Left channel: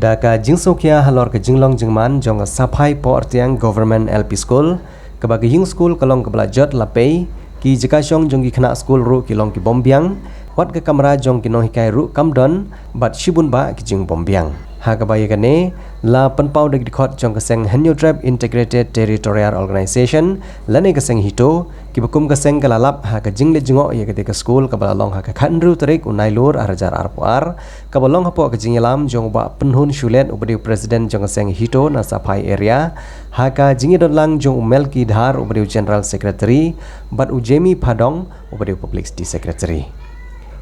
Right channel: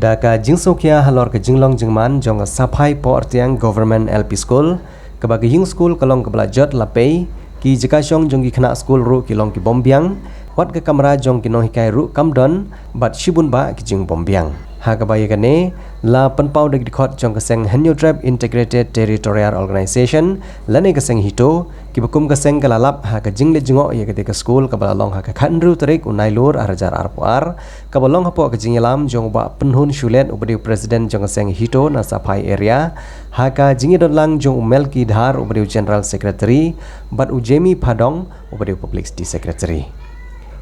Daka jingsokia halor ke jinglong jingman jong sapai po artiang government LP school kebagi hing school kalong kebelajat lapei ki jekasyong jong ki kena school ru kilong ki bombiang wat ke kamera jong ki nohikai ru kamdon bat shibun ba ki jing bombiang ha kabaya kane la penpau dagi dikot jong keseng Henyo Tribe Integrated Territorial Organization lane keseng hito ki bekum keseng kalalap ha ka jingle jingok ye ketika school kabalalong ha ka khandru tarik unailur arajar arpuar kabalong hapo ka jingelam jong ba penhun shulet ubadi presiden jong keseng hito na sapai area ha ka jingidon lang jong Melki Dhar ubadi general secretary bat ujemi Padong ubadi public secretary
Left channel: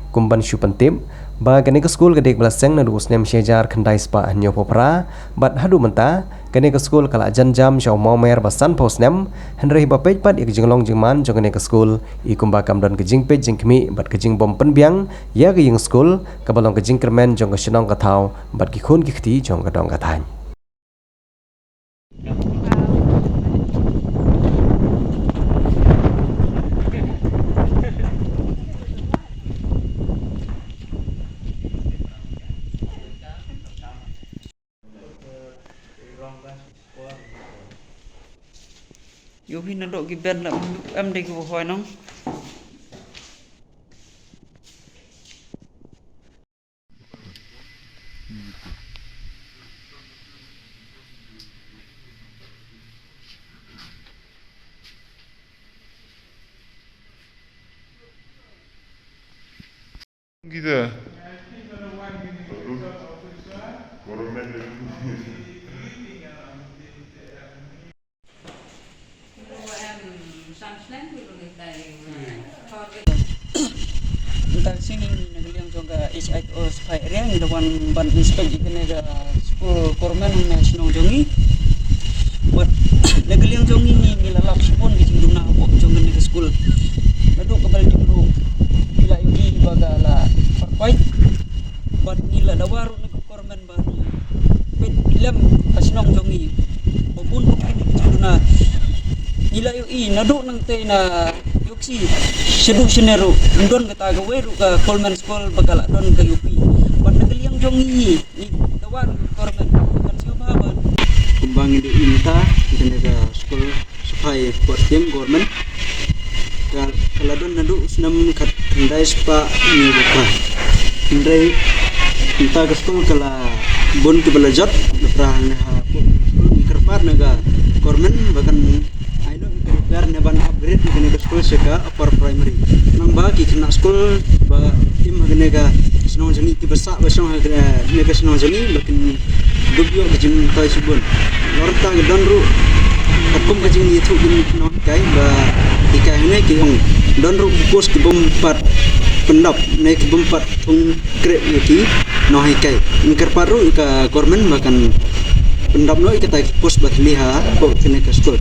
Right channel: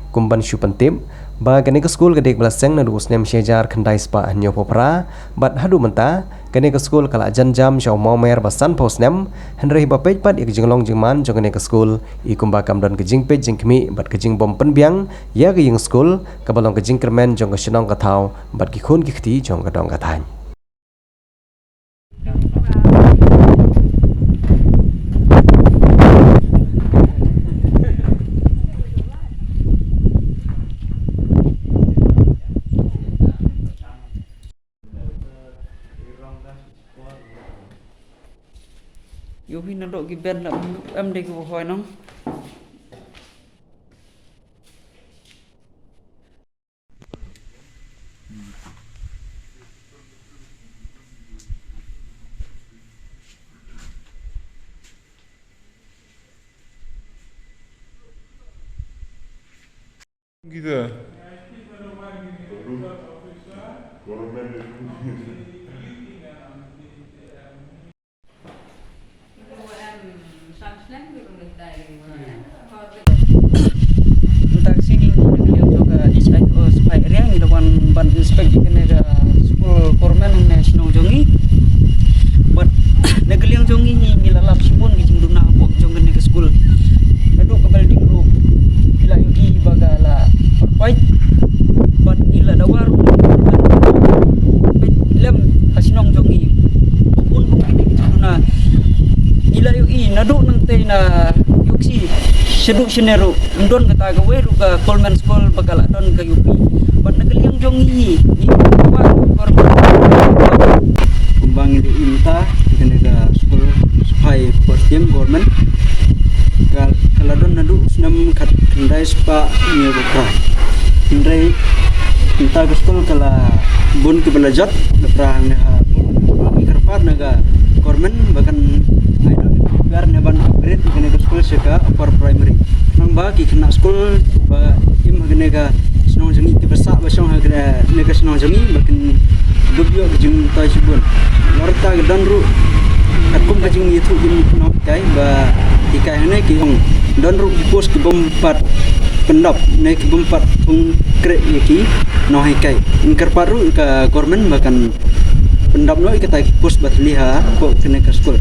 kumban syupentip ba kene ke school kedek belaseng na dus nem syejar khandai spa Henyo popra bat hadu menta kene ke school kala janjam syau momer basan posnem henrei ba pej pat ik jinglong jingman jong kene ke school i kumba kamdon ke jing pej jingkmi bat ke jing bom penbiang ya ke ying school kabalong ke jing kermen jong ke shenong ka thau bat ki khun ki khti jong ka dong ka than Yo hin nado gi ben la em de gi hoy nong gitu. Entah sini beliau juga HIO supaya area yang dilakukan ban inspek di kena school kormen nasional jongi buat negeri yang jongi ngilalap sibun gijing duna apa jongen ke school aduk ke building ru bila yui bagala perpait buat nila dawar kormen pet lem kasinong jongi pun ru ini gijing duna nila yui nadu nang te na yuksi seduk senero ndon kata gawe ru ka Coleman School bakal don ka UP bat negeli yang jongi ni bawa korban kumbang di inta tenaga school supaya portem government kalau don nadu senam kat kendai spa ni buka kendai inta ke school kala bon ke belajat leprang ha kerpat naga government bahkan biar neban upgrade di kena school seka upper primary nang ba ki kena school ba im hagene ga senong jeni ti besak ba song hagene nega senong jeni bakin dubyo jeng tai subun lorta ga danru akum ka jeng itu jeng no kai ba dikai hene ki ong danru post ki bompat pendap ne ki bompat tung krek yaki no kai ingkar paru ka government bahkan pendap no ikata post bat liha ko kena school